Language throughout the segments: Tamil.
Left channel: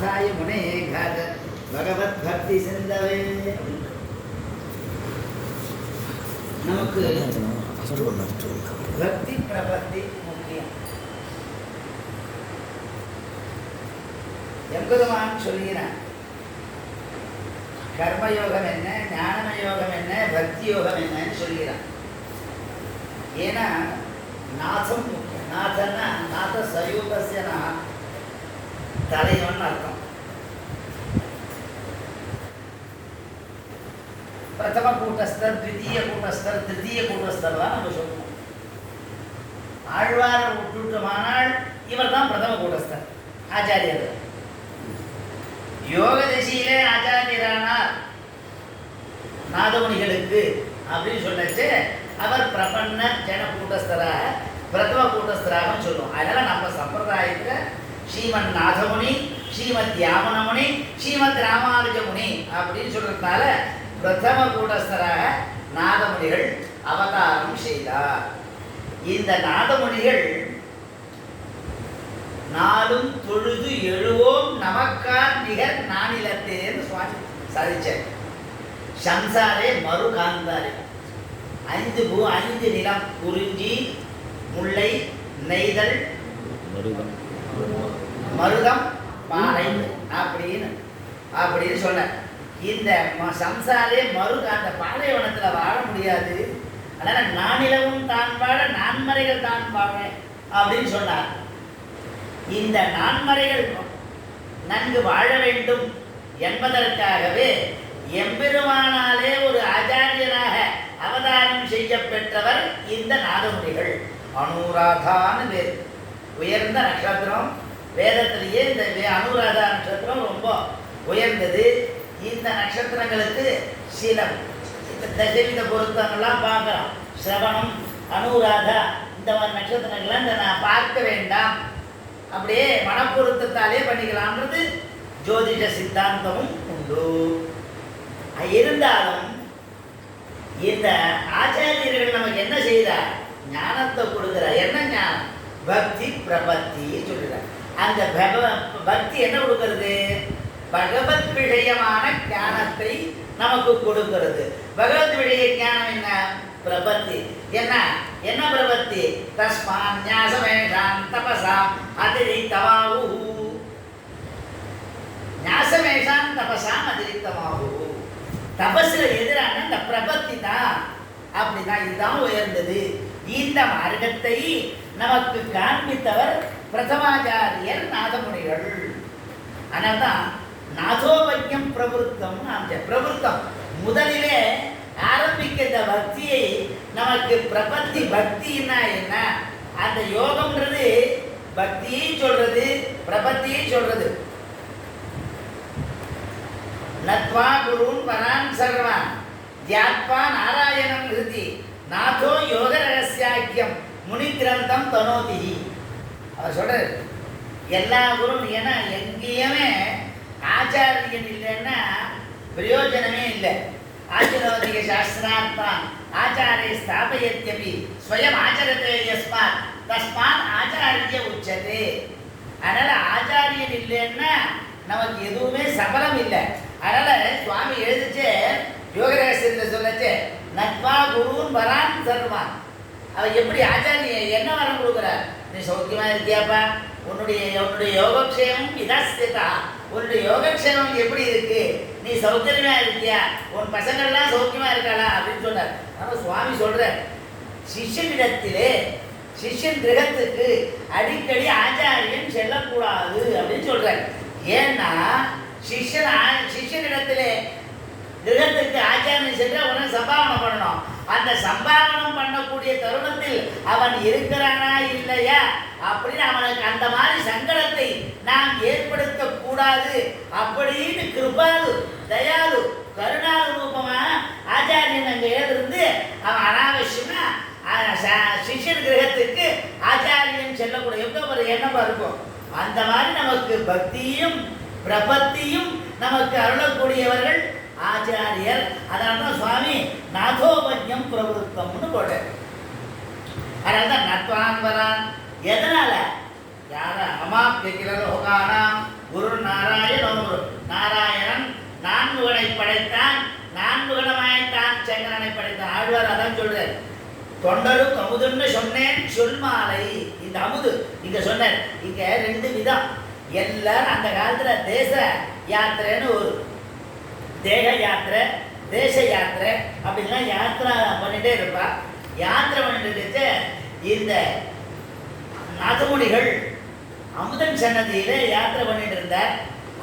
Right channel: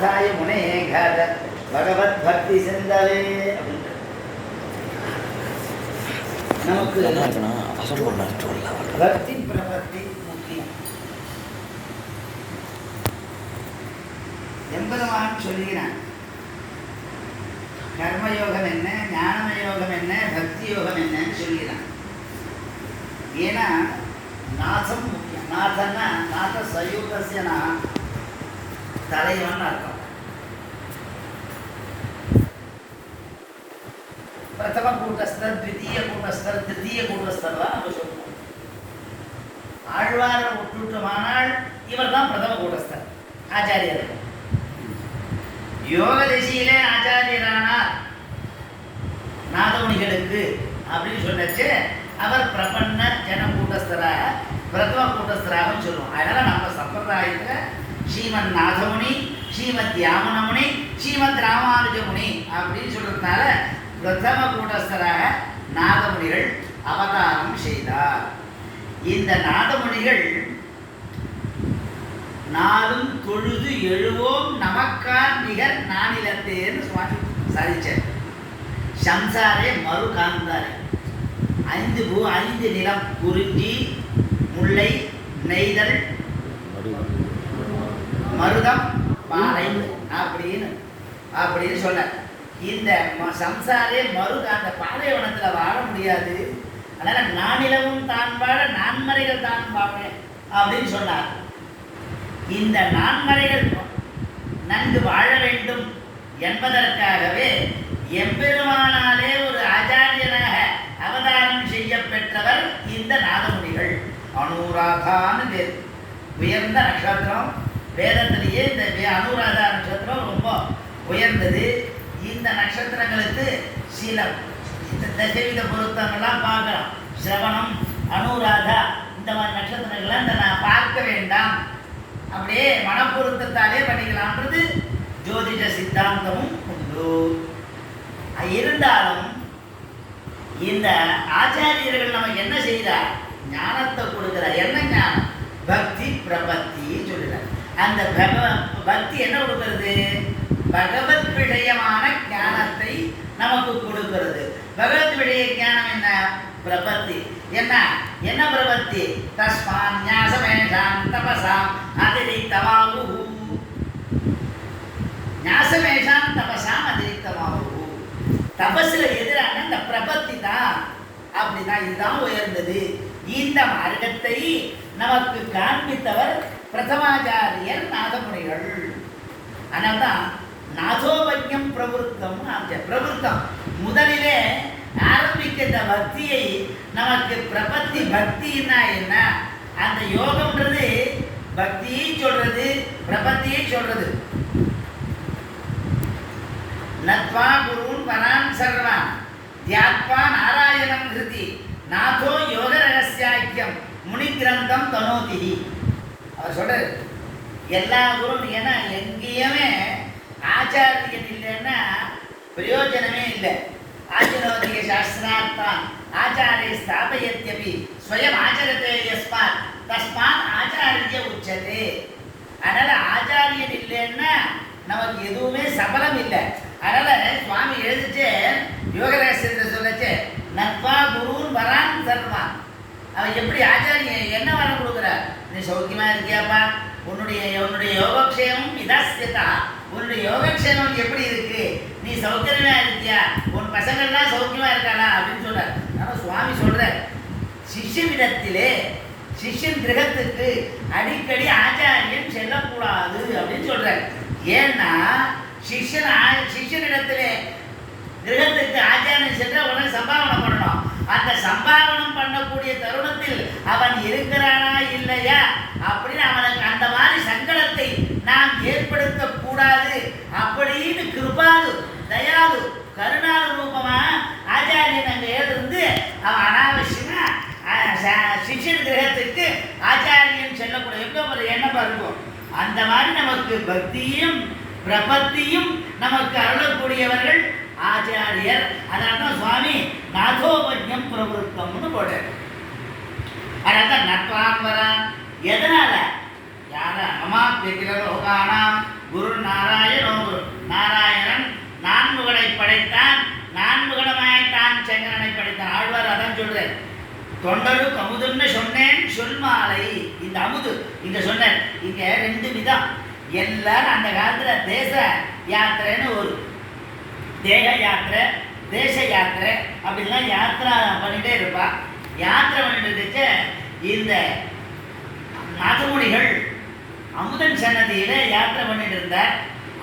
நாதாய முனே காத பகவத் பக்தி சிந்தவே அப்படின்ட்டு நமக்கு பக்தி பிரபத்தி முக்கியம். எம்பெருமான் சொல்லுகிறான், கர்மயோகம் என்ன, ஞானம யோகம் என்ன, பக்தி யோகம் என்னன்னு சொல்கிறான். ஏன்னா நாதம் முக்கியம். நாதன்னா நாத சயூதஸ்யனா தலைவன் அர்த்தம். பிரதம கூட்டஸ்தர், த்விதீய கூட்டஸ்தர், திருத்தீய கூட்டஸ்தர் தான் நம்ம சொல்லுவோம். ஆழ்வார விட்டுட்டோமானால் இவர் தான் பிரதம கூட்டஸ்தர், ஆச்சாரியர். யோக திசையிலே ஆச்சாரியரானார் நாதமுனிகளுக்கு அப்படின்னு சொல்லச்சு அவர் பிரபன்ன ஜன கூட்டஸ்தராக பிரதம கூட்டஸ்தராக சொல்லுவோம். அதனால நம்ம சம்பிரதாயத்தில் ஸ்ரீமன் நாதமுனி, ஸ்ரீமத் யாமனமுனி, ஸ்ரீமத் ராமானுஜமுனி அப்படின்னு சொல்றதுனால பிரதம கூட்டஸ்தராக நாதமுனிகள் அவதாரம் செய்தார். இந்த நாதமுனிகள் நாளும் தொழுது எழுவோம் நமக்கார் நிகர் நானிலத்தேன்னு சுவாமி சாதிச்சார். சம்சாரே மறு காந்தாரே, 5 பூ 5 நிலம், குறிஞ்சி, முல்லை, நெய்தல், மருதம், பாறை அப்படின்னு சொன்ன இந்த சம்சாரே மருத அந்த பாலைவனத்தில் வாழ முடியாது. அதனால நானிலவும் தான் வாழ நான்மறைகள் தான் வாழ அப்படின்னு சொன்னார். இந்த நான்மறைகள் நன்கு வாழ வேண்டும் என்பதற்காகவே எம்பெருமானாலே ஒரு ஆச்சாரியனாக அவதாரம் செய்ய பெற்றவர் இந்த நாதமுனிகள். அனுராதான்னு பேர், உயர்ந்த நட்சத்திரம். வேதத்திலேயே இந்த அனுராதா நட்சத்திரம் ரொம்ப உயர்ந்தது. இந்த நட்சத்திரங்களுக்கு சில தசவித பொருத்தங்கள்லாம் பார்க்கலாம். சிரவணம், அனுராதா இந்த மாதிரி நட்சத்திரங்கள்லாம் இந்த நான் பார்க்க வேண்டாம், அப்படியே மனப்பொருத்தத்தாலே பண்ணிக்கலாம்ன்றது ஜோதிட சித்தாந்தமும் உண்டு. இருந்தாலும் இந்த ஆச்சாரியர்கள் நமக்கு என்ன செய்கிறார், ஞானத்தை கொடுக்கிறார். என்ன ஞானம்? பக்தி பிரபத்தி சொல்லுறார். அந்த பக்தி என்ன கொடுக்கிறது? பகவத் விஷயமான ஞானத்தை நமக்கு கொடுக்கிறது. பகவத் விஷய ஞானம் என்ன? பிரபத்தி. என்ன என்ன பிரபத்தி? தஸ்மான் ஞாசமேஷாம் தபசாம் அதிரிக்தமாவு. ஞாசமேஷாம் தபசாம் அதிரிக்தமாவு. தபஸ்ல எதிரான இந்த பிரபத்தி தான். அப்படிதான், இதுதான் உயர்ந்தது. இந்த மார்க்கத்தை நமக்கு காண்பித்தவர் பிரதமாச்சாரியர் நாதமுனிகள். அதனால்தான் நாதோபஜ்யம் பிரவருத்தம். பிரவருத்தம் முதலிலே ஆரம்பிக்கின்ற பக்தியை நமக்கு பிரபத்தி. பக்தின்னா என்ன? அந்த யோகம்ன்றது பக்தியை சொல்றது, பிரபத்தியை சொல்றது. நத்வா குருன் வனான் சர்வான் தியாத்வா நாராயணம் ஹிருதி நாதோ யோக ரகசியாக்கியம் முனி கிரந்தம் தனோதி. அவர் சொல்றாரு எல்லா குரும். ஏன்னா எங்கேயுமே ஆச்சாரியன் இல்லைன்னா பிரயோஜனமே இல்லை. ஆச்சரோதிக சாஸ்திரார்த்தான் ஆச்சாரிய ஸ்தாபயத்யபி ஸ்வயம் ஆச்சரத்தே யஸ்மாத் தஸ்மாத் ஆச்சாரிய உச்சதே. அதனால ஆச்சாரியன் இல்லைன்னா நமக்கு எதுவுமே சபலம் இல்லை. அதனால சுவாமி எழுதிச்சு யோகரகசியத்தில் சொல்லச்சு நத்வா குருன் வரான் சர்வான். அவர் எப்படி ஆச்சாரிய என்ன வரம் கொடுக்குறார்? நீ சௌக்கியமா இருக்கியாப்பா, உன்னுடைய யோகக்ஷேமம் இதாஸ்தியதா, உன்னுடைய யோகக்ஷேமம் எப்படி இருக்கு, நீ சௌகரியமா இருக்கியா, உன் பசங்கள்லாம் சௌக்கியமா இருக்காளா அப்படின்னு சொல்றார். ஆனால் சுவாமி சொல்ற சிஷ்யனிடத்திலே சிஷ்யன் கிரகத்துக்கு அடிக்கடி ஆச்சாரியன் செல்லக்கூடாது அப்படின்னு சொல்றார். ஏன்னா சிஷ்யனிடத்திலே கிரகத்துக்கு ஆச்சாரியன் சென்ற உடனே சம்பாவனை பண்ணணும். அந்த சம்பாவனம் பண்ணக்கூடிய தருணத்தில் அவன் இருக்கிறானா இல்லையா அப்படின்னு அவனுக்கு அந்த மாதிரி சங்கடத்தை நாம் ஏற்படுத்த கூடாது அப்படின்னு கிருபாலு தயாலு கருணாலு ரூபமா ஆச்சாரியன் அங்கே இருந்து அவன் அனாவசியமா சிஷ்யன் கிரகத்துக்கு ஆச்சாரியன் செல்லக்கூடிய ஒரு எண்ணமா இருக்கும். அந்த மாதிரி நமக்கு பக்தியும் பிரபத்தியும் நமக்கு அருளக்கூடியவர்கள் ஆச்சாரியர். அதனால்தான் சுவாமி நாதோபஜ்யம் பிரவருத்தம்னு போட்டார். அதனால்தான் நட்வான் வரான். எதனால? யார அமாப்பியகில லோகானாம் குரு நாராயண அதான் சொல்றேன். தொண்டருக்கு அமுதுன்னு சொன்னேன் சொல்மாலை. இந்த அமுது இங்க சொன்னேன். இங்க 2 விதம். எல்லாரும் அந்த காலத்துல தேச யாத்திரைன்னு ஒரு தேக யாத்திரை, தேச யாத்திரை அப்படின்லாம் யாத்திரை பண்ணிட்டே இருப்பா. யாத்திரை பண்ணிட்டு இருக்க இந்த நாதமுனிகள் அமுதன் சன்னதியில யாத்திரை பண்ணிட்டு இருந்தார்.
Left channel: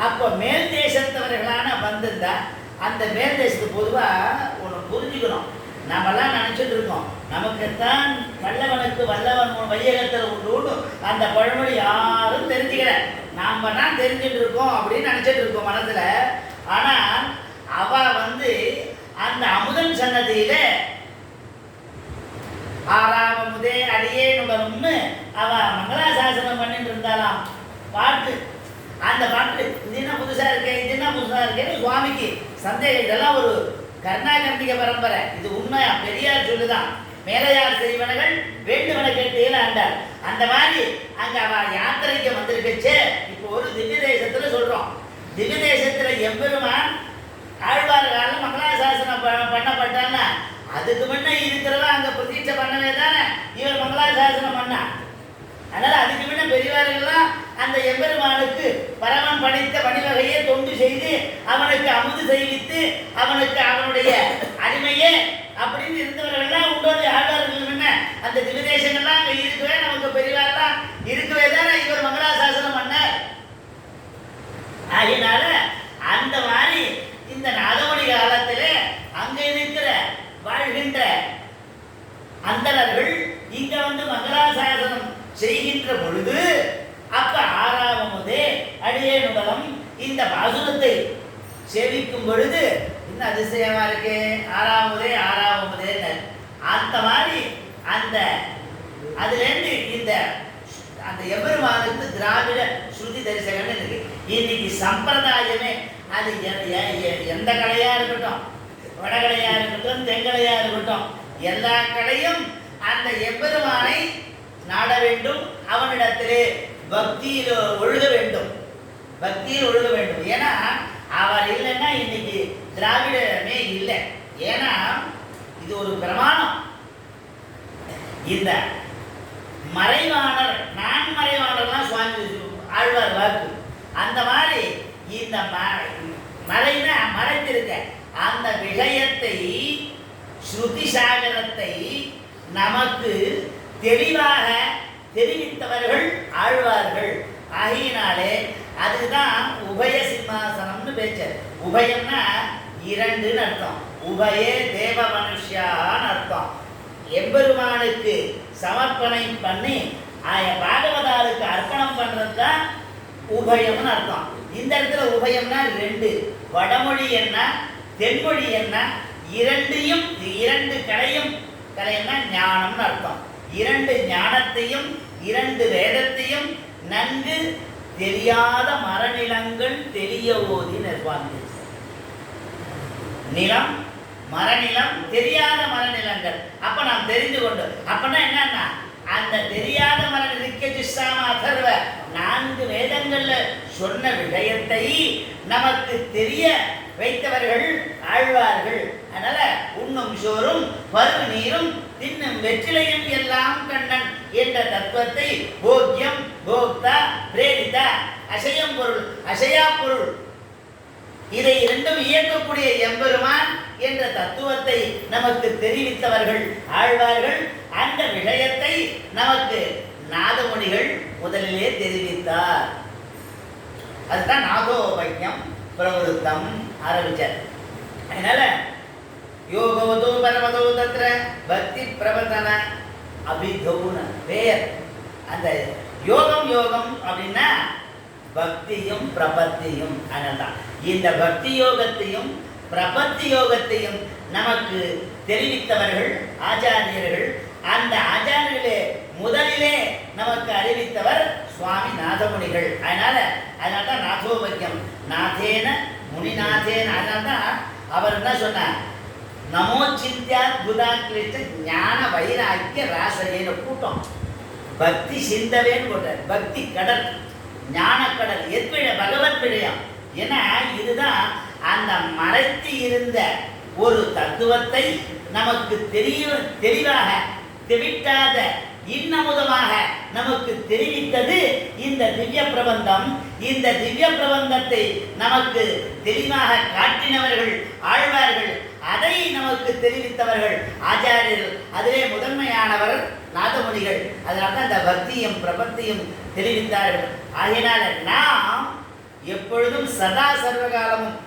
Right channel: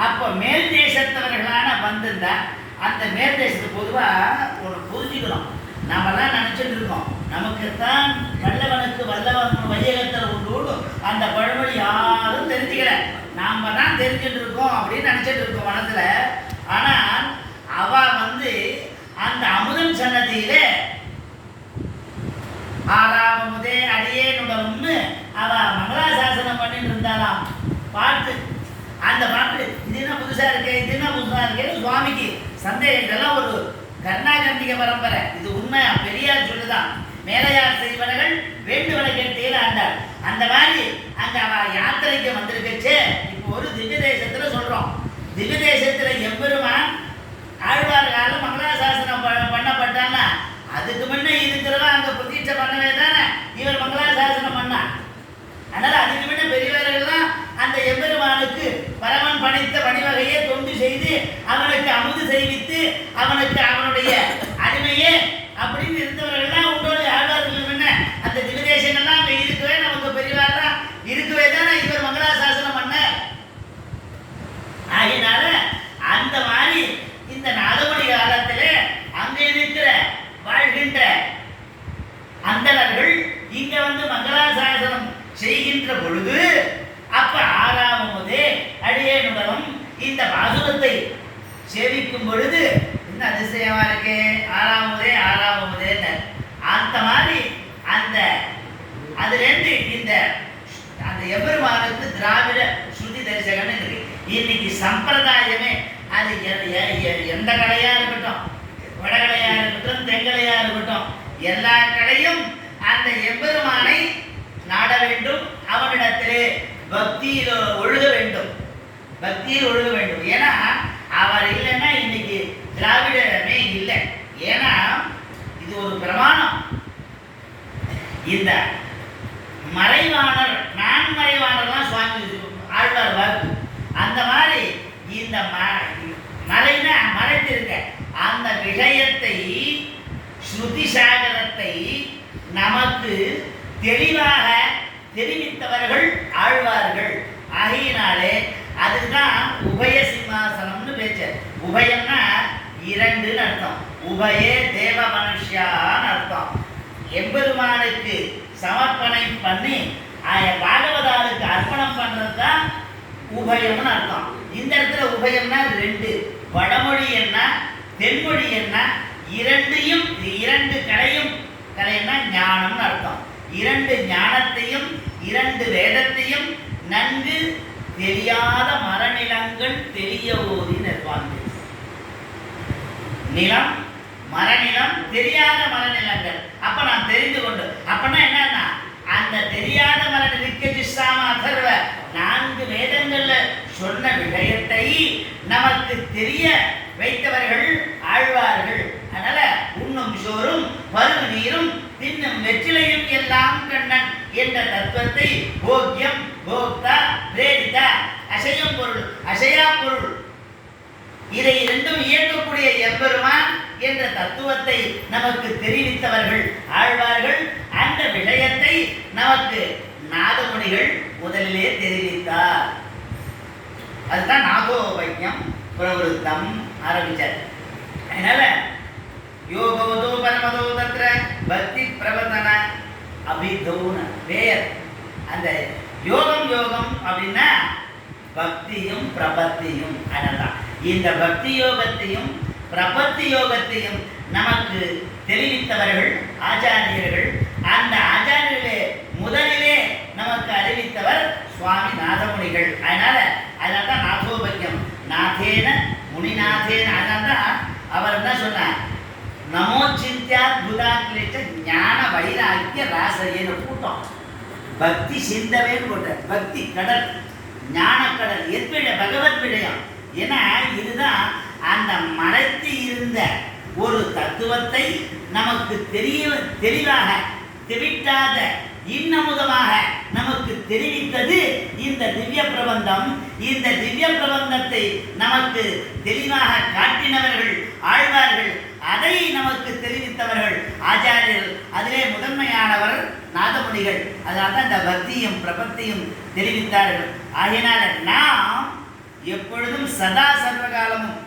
அப்போ மேல் தேசத்தவர்களான வந்திருந்தார். அந்த மேல் தேசத்துக்கு பொதுவாக ஒன்று புரிஞ்சுக்கணும். நாமெல்லாம் நினச்சிட்டு இருக்கோம் நமக்குத்தான் நல்லவனுக்கு வல்லவன் வையகத்தில் உண்டு அந்த பழமொழி யாரும் தெரிஞ்சுக்கல. நாம் தான் தெரிஞ்சுட்டு இருக்கோம் அப்படின்னு நினச்சிட்டு இருக்கோம் மனசில். ஆனால் அவ அந்த அமுதன் சன்னதியில ஆறாவமுதே அடியேனுடனும்னு அவ மங்களாசாசனம் பண்ணிட்டு இருந்தாலாம். பாட்டு அந்த பாட்டு இது என்ன புதுசா இருக்கேன், இது என்ன புதுசா இருக்கேன்னு சுவாமிக்கு சந்தேகம். இதெல்லாம் ஒரு கர்நாகர்ணிக பரம்பரை. இது உண்மை. பெரியார் சொல்லுதான், மேலையார் செய்வனர்கள் வேண்டுவன கேட்டேன்னு ஆண்டார். அந்த மாதிரி அங்க அவ யாத்திரைக்கு வந்திருக்கச்சே. இப்போ ஒரு திவ்ய தேசத்துல சொல்றோம். திவ்ய தேசத்துல எம்பெருமான் ஆழ்வார் காலம் மங்களாசாசனம் பண்ணப்பட்டான்னா அதுக்கு முன்ன இருக்கிறவா அங்க பிரதீட்சை பண்ணவே தானே இவர் மங்களாசாசனம் பண்ணா. அதனால அதுக்கு முன்ன பெரியவர்கள்லாம் அந்த எம்பெருமானுக்கு பரமன் படைத்த பணிவகையை தொண்டு செய்து அவனுக்கு அமுது செய்வித்து அவனுக்கு அவனுடைய அடிமையே அப்படின்னு இருந்தவர்கள்லாம் உண்டோடு ஆழ்வார்கள் என்ன அந்த திவிதேசங்கள்லாம் அங்கே இருக்கவே நமக்கு பெரியவாரெல்லாம் இருக்கவே தானே இவர் மங்களாசாசனம் பண்ணார். ஆகினால அந்த மாதிரி இந்த நாதமணி காலத்தில் அங்கே இருக்கிற வாழ்கின்ற அந்தணர்கள் இங்க மங்களாசாசனம் செய்கின்ற பொழுது அப்ப ஆறாவமுதே அடியேனுடனும் இந்த பாசுரத்தை சேவிக்கும் பொழுது இன்னும் அதிசயமா இருக்கு. ஆறாவமுதே அந்த மாதிரி அந்த அதுலேருந்து இந்த அந்த எபெருமானுக்கு திராவிட ஸ்ருதி தரிசகன் இருக்கு. இன்னைக்கு சம்பிரதாயமே அது எந்த கடையா இருக்கட்டும், வடகடையா இருக்கட்டும், தென்கடையா இருக்கட்டும், எல்லா கடையும் அந்த எம்பெருமானை நாட வேண்டும். அவனிடத்திலே பக்தியில் ஒழுக வேண்டும். ஏன்னா அவர் இல்லைன்னா இன்னைக்கு திராவிடமே இல்லை. ஏன்னா இது ஒரு பிரமாணம். இந்த மறைவாணர் நான்மறைவாணர்லாம் சுவாமி ஆழ்வார் வாக்கு. அந்த மாதிரி இந்த மறைனா மறைத்திருக்க அந்த விஷயத்தை ஸ்ருதி சாகரத்தை நமக்கு தெளிவாக தெரிவித்தவர்கள் ஆழ்வார்கள். ஆகியினாலே அதுதான் உபய சிம்மாசனம்னு பேச்சு. உபயம்னா 2ன்னு அர்த்தம். உபயே தேவ மனுஷியான்னு அர்த்தம். எம்பெருமானுக்கு சமர்ப்பணம் பண்ணி பாகவதாருக்கு அர்ப்பணம் பண்றது தான் உபயம்னு அர்த்தம். இந்த இடத்துல உபயம்னா 2. வடமொழி என்ன தென்மொழி என்ன, 2 கலைன்னா ஞானம்னு அர்த்தம். 2 ஞானத்தையும் 2 வேதத்தையும் நன்கு தெரியாத மரநிலங்கள் தெரிய ஓதி நிற்பாங்க. நிலம் மரநிலம் தெரியாத மரநிலங்கள். அப்ப நாம் தெரிந்து கொண்டு அப்பனா என்னன்னா அந்த தெரியாத மரநிலக்கெதிர்வ 4 வேதங்கள்ல சொன்ன விஷயத்தை நமக்கு தெரிய வைத்தவர்கள் ஆழ்வார்கள். அதனால உண்ணும் சோறும் பருவ நீரும் தின்னும் வெற்றிலையும் எல்லாம் கண்ணன் என்ற தத்துவத்தை போக்கியம் போக்தா பிரேரிதா அசையும் பொருள் அசையா பொருள் இதை 2ம் இயக்கக்கூடிய எம்பெருமான் என்ற தத்துவத்தை நமக்கு தெரிவித்தவர்கள் ஆழ்வார்கள். அந்த விஷயத்தை நமக்கு நாதமுனிகள் முதலிலே தெரிவித்தார். அதுதான் நாதோபையம் பிரவருத்தம் ஆரம்பிச்சார். அதனால யோகவதோ பரமதோ தத்ர பக்தி பிரவர்த்தன அபிதௌன வேர். அந்த யோகம் அப்படின்னா பக்தியும் பிரபத்தியும். அதனால்தான் இந்த பக்தி யோகத்தையும் பிரபத்தி யோகத்தையும் நமக்கு தெரிவித்தவர்கள் ஆச்சாரியர்கள். அந்த ஆச்சாரியர்களே முதலிலே நமக்கு அறிவித்தவர் சுவாமி நாதமுனிகள். அதனால்தான் நாதோபக்கியம் நாதேன முனிநாதேன. அதனால்தான் அவர் என்ன சொன்னார், நமோ சிந்தியா புதாக்கிலிட்ட ஞான வைராக்கிய ராசையேன்னு கூட்டம். பக்தி சிந்தவேன்னு போட்டார். பக்தி கடல், ஞான கடல், எத்விட பகவத் விடயம். ஏன்னா இதுதான் அந்த மறைத்து இருந்த ஒரு தத்துவத்தை நமக்கு தெளிவாக தெவிட்டாத இன்னமுதமாக நமக்கு தெரிவித்தது இந்த திவ்ய பிரபந்தம். இந்த திவ்ய பிரபந்தத்தை நமக்கு தெளிவாக காட்டினவர்கள் ஆழ்வார்கள், அதை நமக்கு தெரிவித்தவர்கள் ஆச்சாரியர்கள். அதிலே முதன்மையானவர் நாதமுனிகள். அதனால இந்த பக்தியும் பிரபத்தியும் தெரிவித்தார்கள். ஆகினால நாம் எப்பொழுதும் சதா சர்வகாலமும்